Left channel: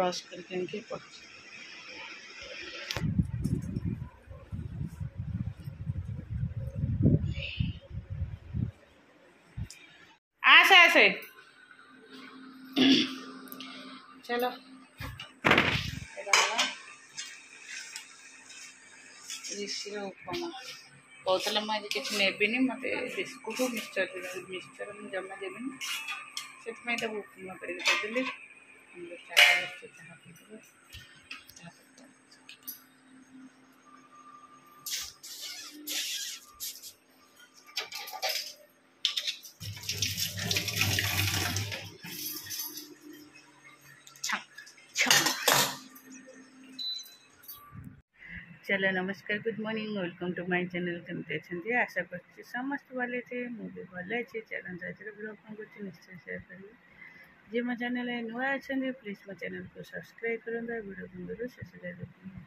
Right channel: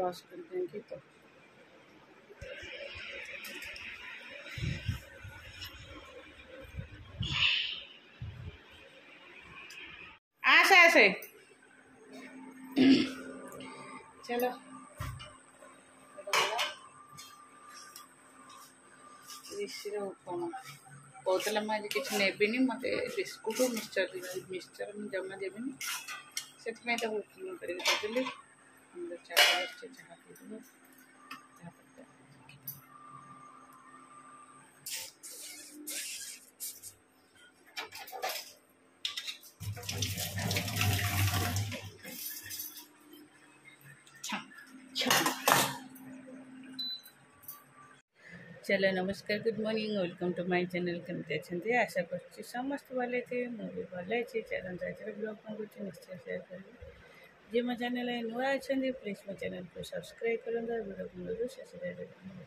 Brush करके पड़ आसे आसे चलो ऋषि उपमा कहते मुझे किसी नेबिनी मत बिस्कुट मिक्सचर मुझे जमा देवी से उपमा करदेली हम लोग चाय चाह पीदेव चलो नमस्कार good morning welcome to my channel केमती अच्छे आशा कर समस्त भले थे मुझे भल अच्छे चरण आज ब्लॉग कौन कर निश्चय सेयार करेंगे जी मो चैनल नुआ अच्छा प्लीज मो चैनल को सब्सक्राइब करूँ वीडियो को शेष देखिए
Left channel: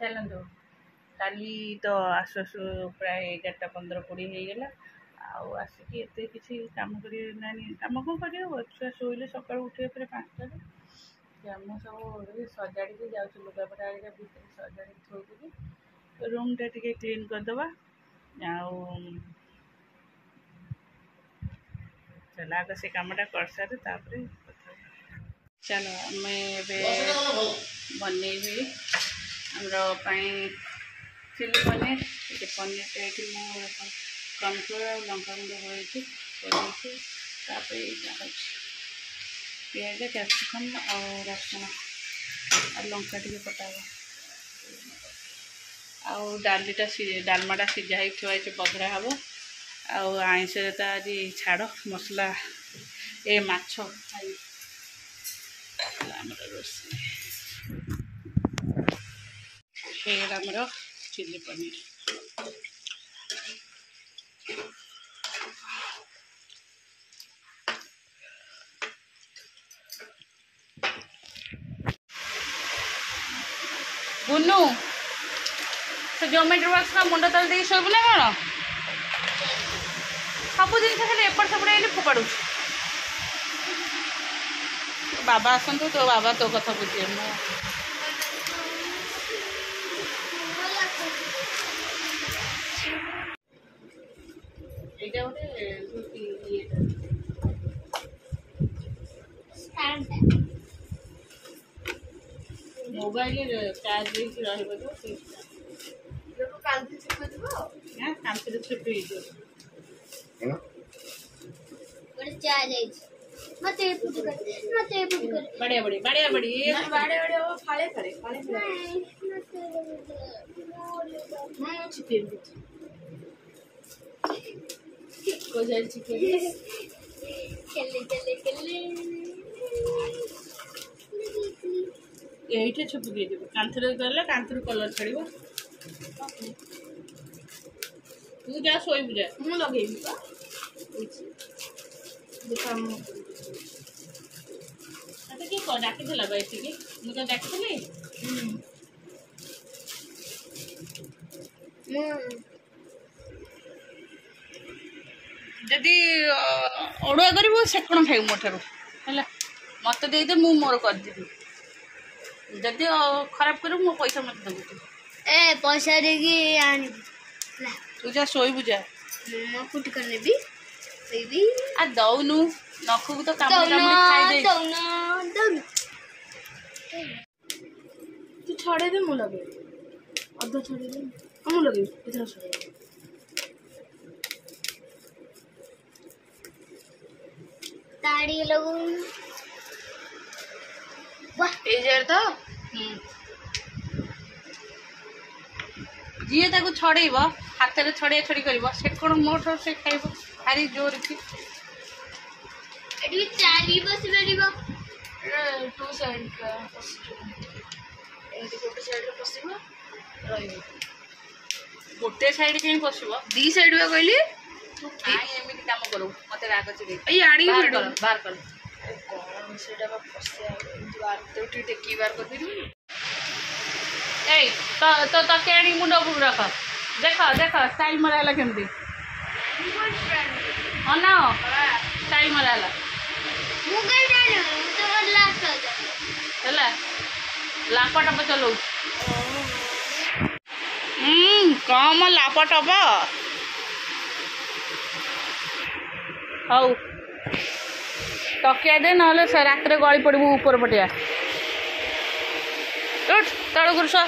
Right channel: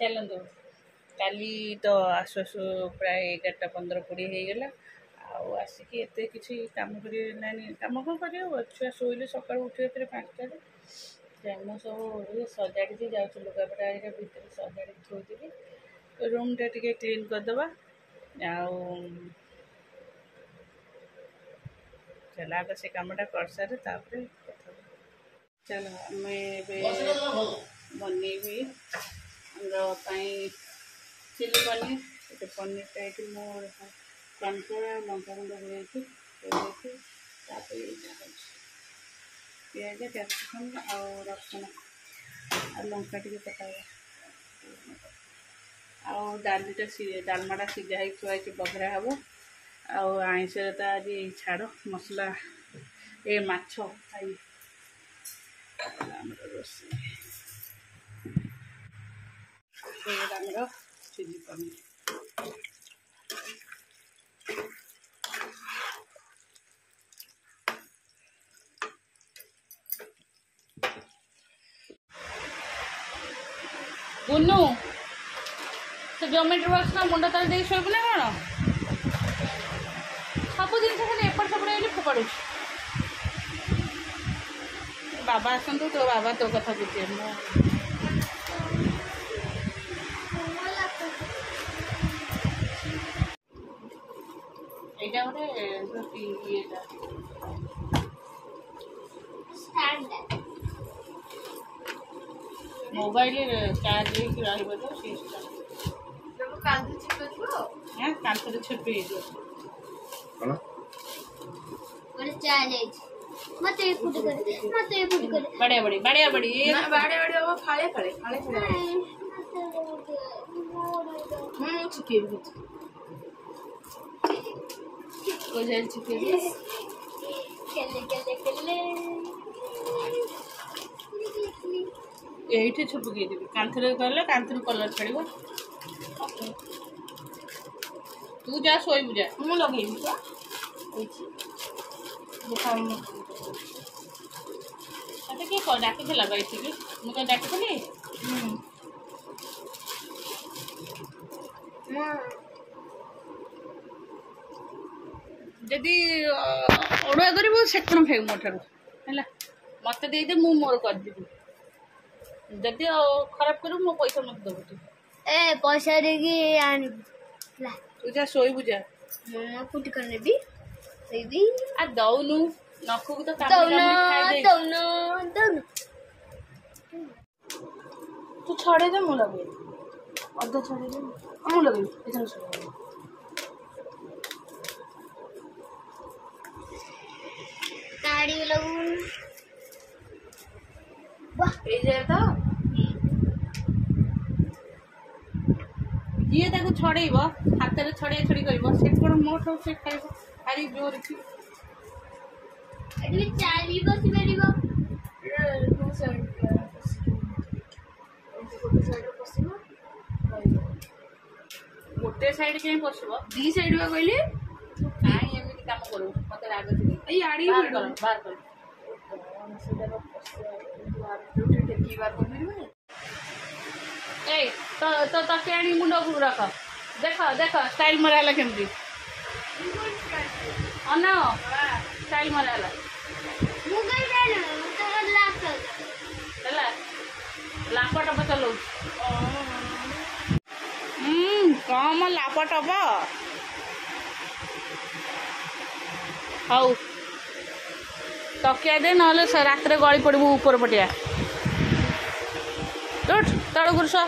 चलते काली तो आसु आसु प्राय 11:15-20 होगला आसिक एत कि कम कम कौन कर छुआ शोले सका उठे 5टार मु सब सजाड़ी जाऊँ लुगापटा भितर सजाड़ी थोड़ी रूम टा टे क्लीन करदे चल आग से कमटा कर सारे कथा चलो आम बनईबी आमर चिली पनीर ये पनीर टा ये कॉर्नफ्लोर और लंका गुंड गोल पियाज कैप्सिकम और रसुण और लंका टे पटावा डालीटा डालमाटा सीझा ही थुआई बघरा हम आईस तो आज छाड़ मसला ए माछ खाई रोसे आमर चिली पनीर गुनु से जोमेट्री बॉक्स ना मुंड तले दे शोबू ना कौन सब जिन खाली एपट सेपट फोपाड़ू बाबा आसतु तो बाबा तो कथा बुझे मु मोबाइल चार्ज कांथरे छुपी बढ़िया बढ़िया बढ़िया बढ़िया वो फाड़े फाड़े फाड़े ये छुप देवी कांथरे गले कांथरू कलर छाड़ तू जा शोबू जा मुझे लगे किए डाकी बैठी मुझे डाकी जदि अड़ुआ कर सेकण खाइबू मो ठार है मत दे मु मोर करदेवी जदि खराब कर मो पैसा मत देबू तू ए पैसा देगी आनी तू जा शोबू जा मैं कुट कर लेबी बेबी आ दौनु नखु तो काम खाई दे दौनु तू छड़े दे मु लगे अध छड़े दे मु लगे इधर छड़े ताड़ी लगून वाह ए जेर तो जी ताको छड़ेब हाथ में छड़िया छड़ी कर से कौन मोटर से खाइब भारी जोर की एडी चारी बस बेरिबो टू साइड का एंटी गोटे साइड रे पसिबो रहिबो गोटे साइड के पसिबो दी साइड बा कहली नाइ एमिति काम करू मते राग चिड़े ए आड़ी बाहर कर कोन सेटा बा पसिया बाहर तो टेकी बाहर कर दिली ए तो केणी मुंड उपरू रख देख देख स्टाइल मराला केमती अना स्टाइल मराला ହେଲା ଲାପଟପ ଚଲାଉଛି କମ ଲାପଟପ ହଉ ତକିଆ ଦେ ନହେଲେ ରାତିରେ ଗଳି ପଡ଼ିବୁ ଉପର ପଟିଆ ତଳକୁ ଶୁଆ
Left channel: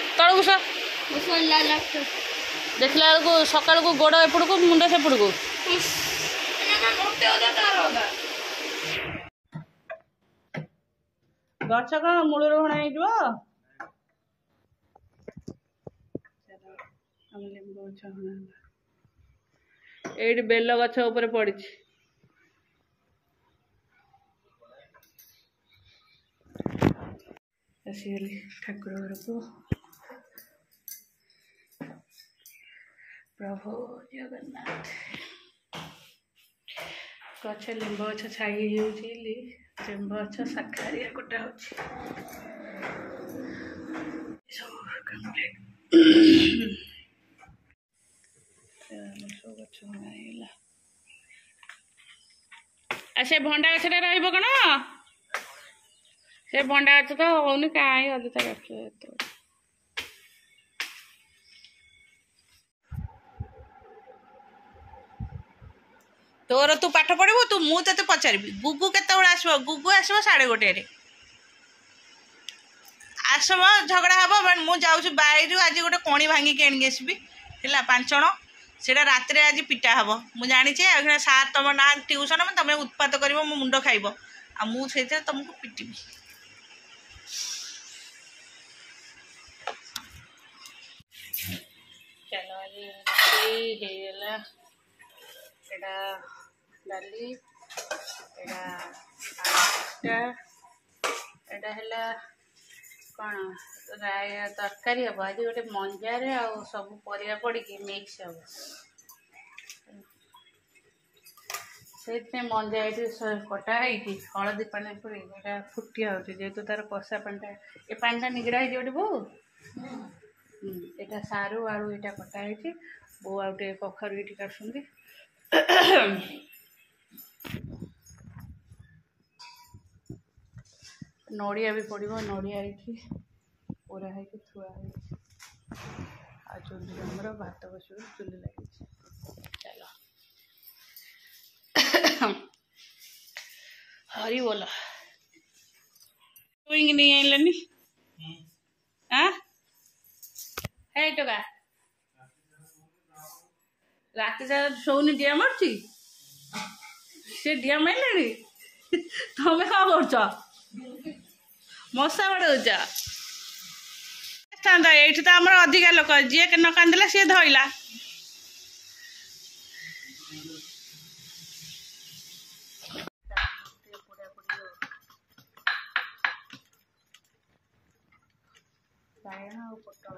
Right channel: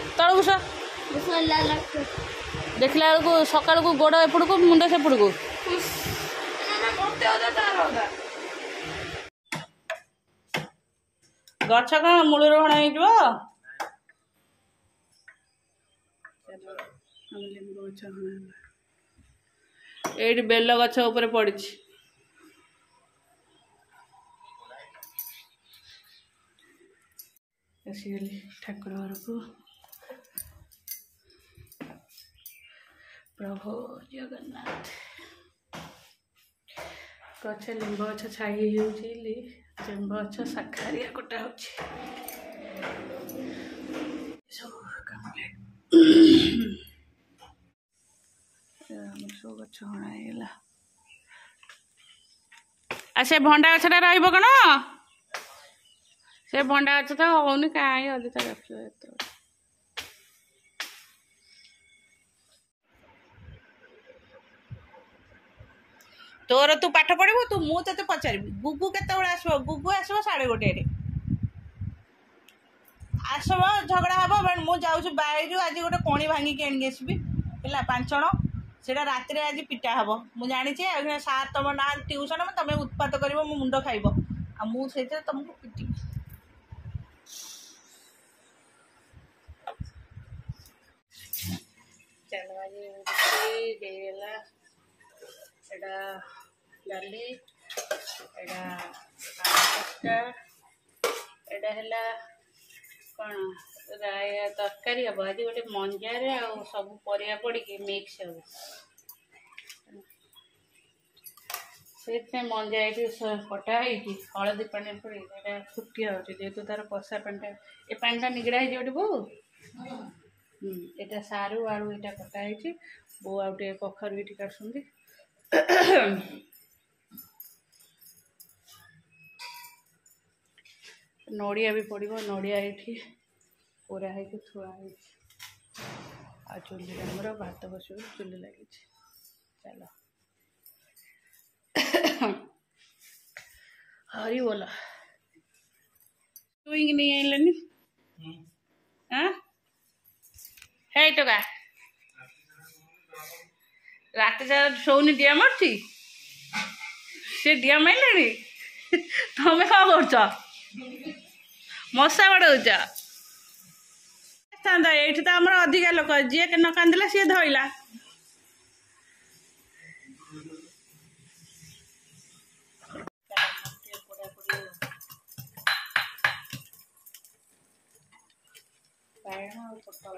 ଦେଖିଲା ବେଳକୁ ସକାଳକୁ ଗୋଡ଼ ଏପଟକୁ ମୁଣ୍ଡ ସେପଟକୁ ଗଛ କ'ଣ ମୂଳରୁ ହଣା ହେଇଯିବ ଏଇଠି ବେଲ ଗଛ ଉପରେ ପଡ଼ିଛି ଆସିଗଲି ଠାକୁର ଘରକୁ ପ୍ରଭୁ ଜଗନ୍ନାଥ ଗଛ ଲିମ୍ବ ଗଛ ଛାଇ ହେଇଯାଉଛି ଲିମ୍ବ ଗଛ ଶାଖାରିଆ କଟା ହେଉଛି ସବୁ କମ୍ପ୍ଲିଟ୍ ଆମର ସବୁ ଗଛ ହଣା ହେଇଗଲା ଆଉ ସେ ଭଣ୍ଡା ଗଛଟା ରହିବ କ'ଣ ସେ ଭଣ୍ଡା ଗଛ ତ ହଉନି କାହିଁ ଅଯଥା ଗଛ ଏତେ ତୋର ତୁ ପାଠ ପଢ଼ିବୁ ତୁ ମୁଁ ତତେ ପଚାରିବି ଗୁଗୁ କେତେବେଳେ ଆସିବ ଗୁଗୁ ଆସିବ 1:30ରେ ଆସିବ ଝଗଡ଼ା ହବ ମୁଁ ଯାଉଛି ବାଇରୁ ଆଜି ଗୋଟେ କଣି ଭାଙ୍ଗିକି ଆଣିକି ଆସିବି ହେଲା 5 ଜଣ ସେଇଟା ରାତିରେ ଆଜି ପିଟା ହବ ମୁଁ ଜାଣିଛି ଆଉ ସାର୍ ତମ ନା ଟ୍ୟୁସନ୍ ତମେ ଉତ୍ପାତ କରିବ ମୋ ମୁଣ୍ଡ ଖାଇବ ଆଉ ମୁଁ ସେଇଥିରେ ତମକୁ ପିଟିବି ଚାଲ ଆଜି ହେଇଗଲା ଏଇଟା ଡାଲି ଏଇଟା ଆଳୁ ଏଇଟା ହେଲା କ'ଣ ରାୟା ତରକାରୀ ହେବ ଆଜି ଗୋଟେ ମଞ୍ଜାରେ ଆଉ ସବୁ ପରିବା ପଡ଼ିକି ମିକ୍ସ ହେବ ସେଇଥିପାଇଁ ମଞ୍ଜା ଏଇଠି କଟା ହେଇକି ହଳଦୀ ପାଣି ପଡ଼ିକି ଏଇଟା ଫୁଟି ହେଉଛି ଯେହେତୁ ତାର କଷା ପାଣିଟା ଏ ପାଣିଟା ନିଗଡ଼ା ହେଇଛି ଗୋଟେ ବୋଉ ଏଇଟା ସାରୁ ଆଳୁ ଏଇଟା କଟା ହେଇଛି ବୋଉ ଆଉ ଟିକେ କଖାରୁ ଏଇଠି କାଟୁଛନ୍ତି ନଡ଼ିଆ ବି ପଡ଼ିବ ନଡ଼ିଆ ଏଇଠି ପୋଡ଼ା ହେଇକି ଥୁଆ ହେଇଛି ଆଉ ଚୁଲିରେ ଆମର ଭାତ ବସିବ ଚୁଲି ଲାଗିଛି ଚାଲ ହରି ବୋଲ ଛୁଇଁକି ନେଇ ଆଇଲେନି ହେ ଟୋକା ରାତିରେ ଶୋଉନି ଡିଆ ମାରୁଛି ସେ ଡିଆ ମାରିଲାଣି ତମେ କ'ଣ କରୁଛ ମଶା ବାଡ଼ଉଛ ଏଇଠି ତ ଆମର ଅଧିକା ଲୋକ ଯିଏ ନ କାନ୍ଦିଲା ସିଏ ଧଇଲା ବାଇଗଣ ଆଉ ପୋଟଳ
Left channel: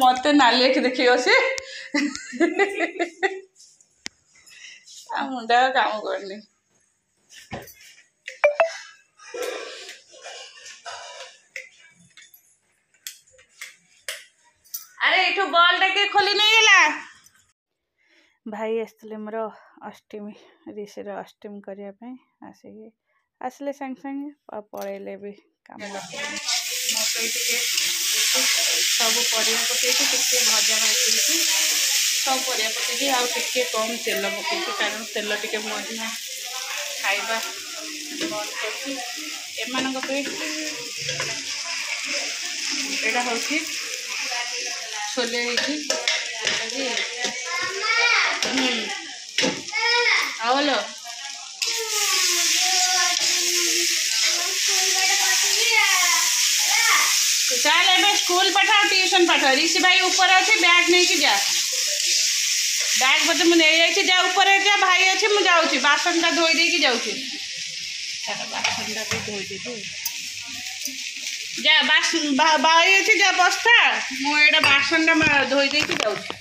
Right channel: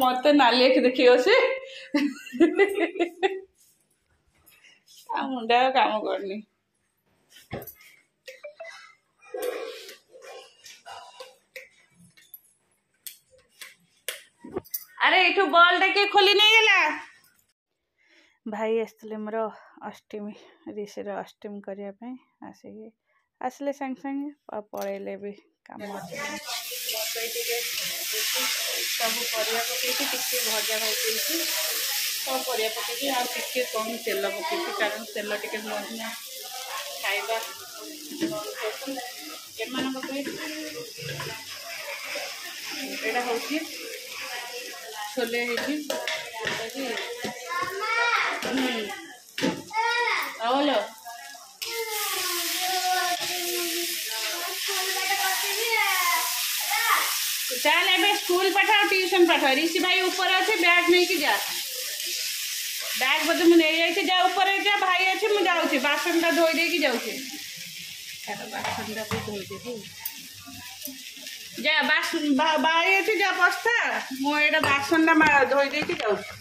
ମତେ ନାଲି ଆଖି ଦେଖିବ ସେ ଆଉ ମୁଣ୍ଡ କାମ କରୁନି ଆରେ ଏଠୁ ବଲ୍ଟା କିଏ ଖୋଲି ନେଇଗଲା ଭାଇ ଆସିଥିଲେ ମୋର ଅଷ୍ଟମୀ ରିସିର ଅଷ୍ଟମୀ କରିବା ପାଇଁ ଆସିଲେ ସାଙ୍ଗେ ସାଙ୍ଗେ ଆଉ ପଳେଇଲେ ବି କାମ ମକଇ ଟିକେ ସବୁ ପରିବା ପକେଇକି ଟିକେ ଭଜା ଭାଜିକି ସବୁ ପରିବା ପକେଇକି ଆଉ ଟିକେ କମ୍ ତେଲ ପକେଇକି କାରଣ ତେଲ ଟିକେ ମଇଦା ଖାଇବା ବନ୍ଦ କରୁଛି ଏମାନଙ୍କ ପାଇଁ ଏଇଟା ହେଉଛି ଛୋଲେ ହେଇଛି ହଲୋ चल ए स्कूल पठाओ ट्यूशन पठाओ ऋषि भाई ऊपर अच्छे बैग नहीं कि जा बैग बोलते मुझे जा ऊपर जा भाई अच्छे मुझे जाऊँगी बासनटा धोई दे जाऊँगी बासनटा भी धोई दे जा भाई अच्छे जा बस्ता मुझे बासनटा धोई दे जाऊँगी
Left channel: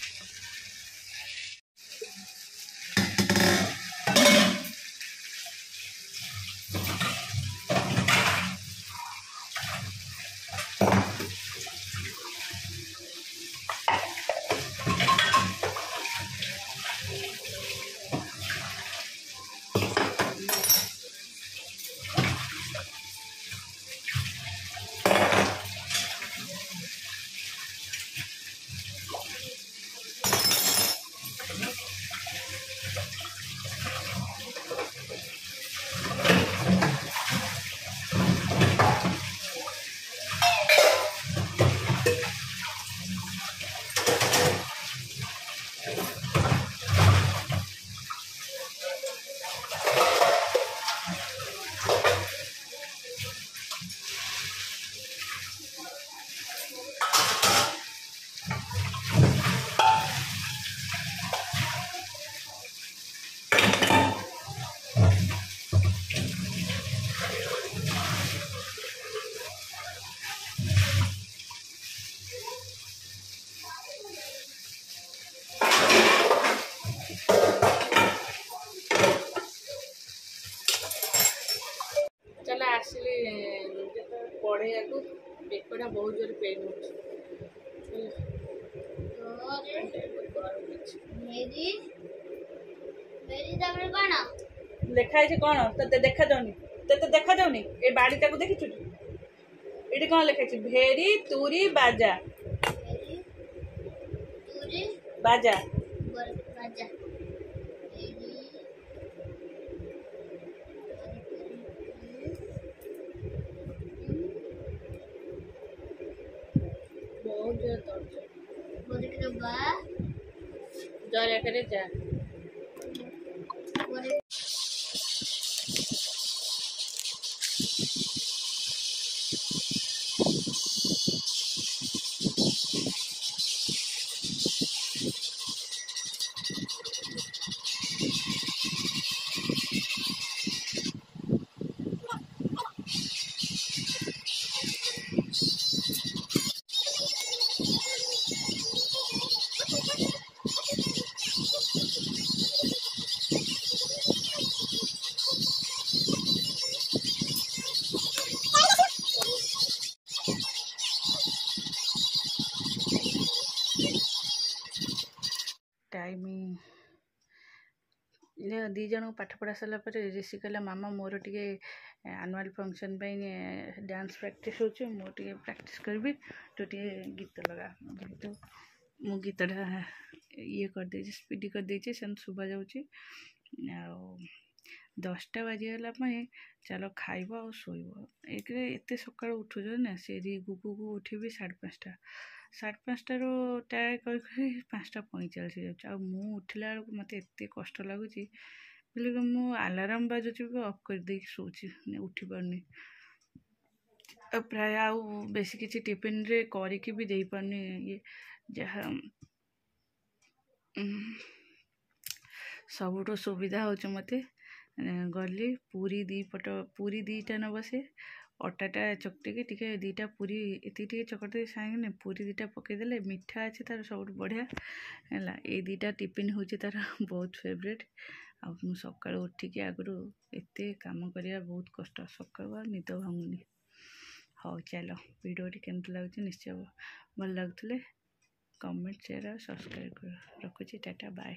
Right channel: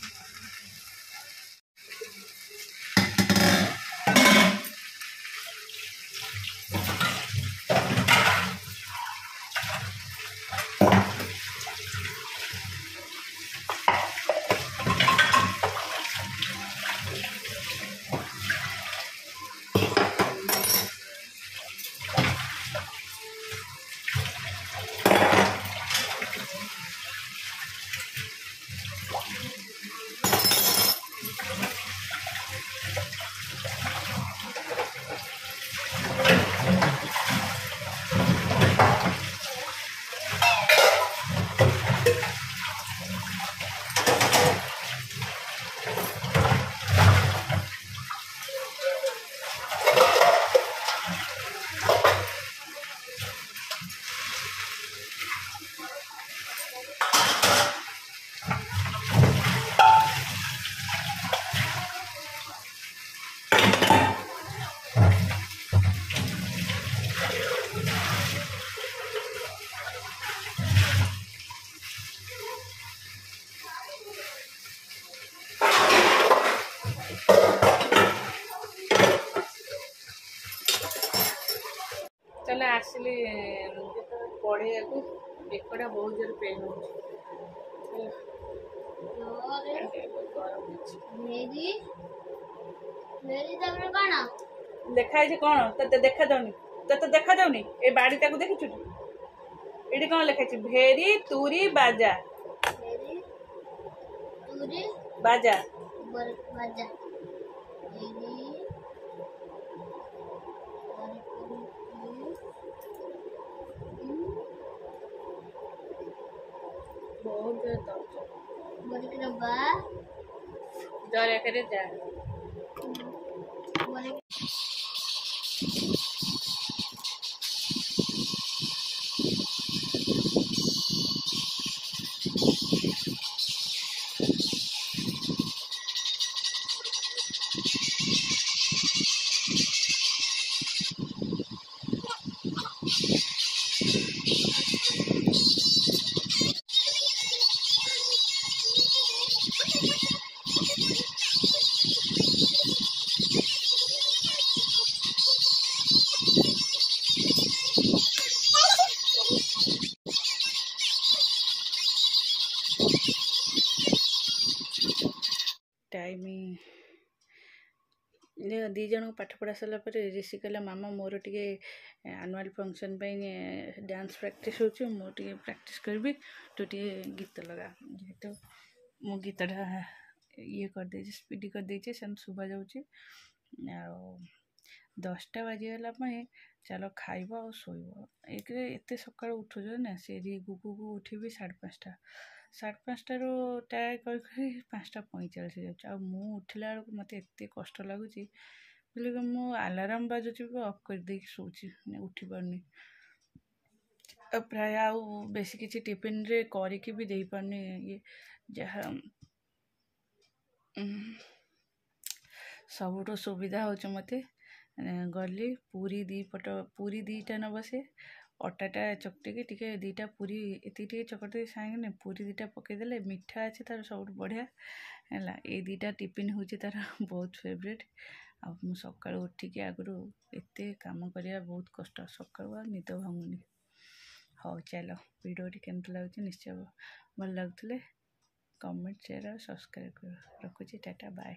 चल आसिली पढ़ेया बेकटा बहुत जोर पेन हो मेरी मेरी तापर कौन लिखाई कौन ते देखा जाऊनी ते देखा जाऊनी ए बाड़ीटा को देखी ये कौन लिखाई भेरी तुरी बाजा मेरी तुरी बाजा बाजा मेरी बहुत जोर दर्द बोले कि बा जर करे जा बोले टाइम दी जन पाठ पढ़ा सारा पर ऋषि कहला मामा मोर टे आनुआल फंक्शन डांस प्रैक्टिस हो प्रैक्टिस करी तो टे गीत लगा जेहेतु मु गीतटा ये करदे स्पीड करदे से शुभा जाऊँगी 10टा बाजीगला चल खाइब आ शोब एक एत सका उठुच ना से गुगु उठी 5:30 5:30 ट्राए कर 5:45 जाऊँ मु उठला बेलू मत एत कष्ट लगुच बोले मु आलाराम बाजुची भी अफ कर दे शोची उठी पारनी प्राय आउ बेसी किसी टिफिन रे करके भी दे पारनी ये जहाँ सबुठ सुविधा हो मत गली पूरी पूरी 2टा न बसे अटाटा चकटिकी टी 2टा पूरी ये चकटे सांगे पूरी 2टा पकईदे मिठा अच्छे तार सब बढ़िया है ये 2टा टिफिन हूँ तार बहुत फेवरेट आ सका उठिकी आगु एत काम करवा बहुत कष्ट सका निद भांगुनी हाँ चलो वीडियो केमती लगुच निश्चय भल लगुले कमेंट शेयर और सब्सक्राइब कर रखुची टाटा बाय।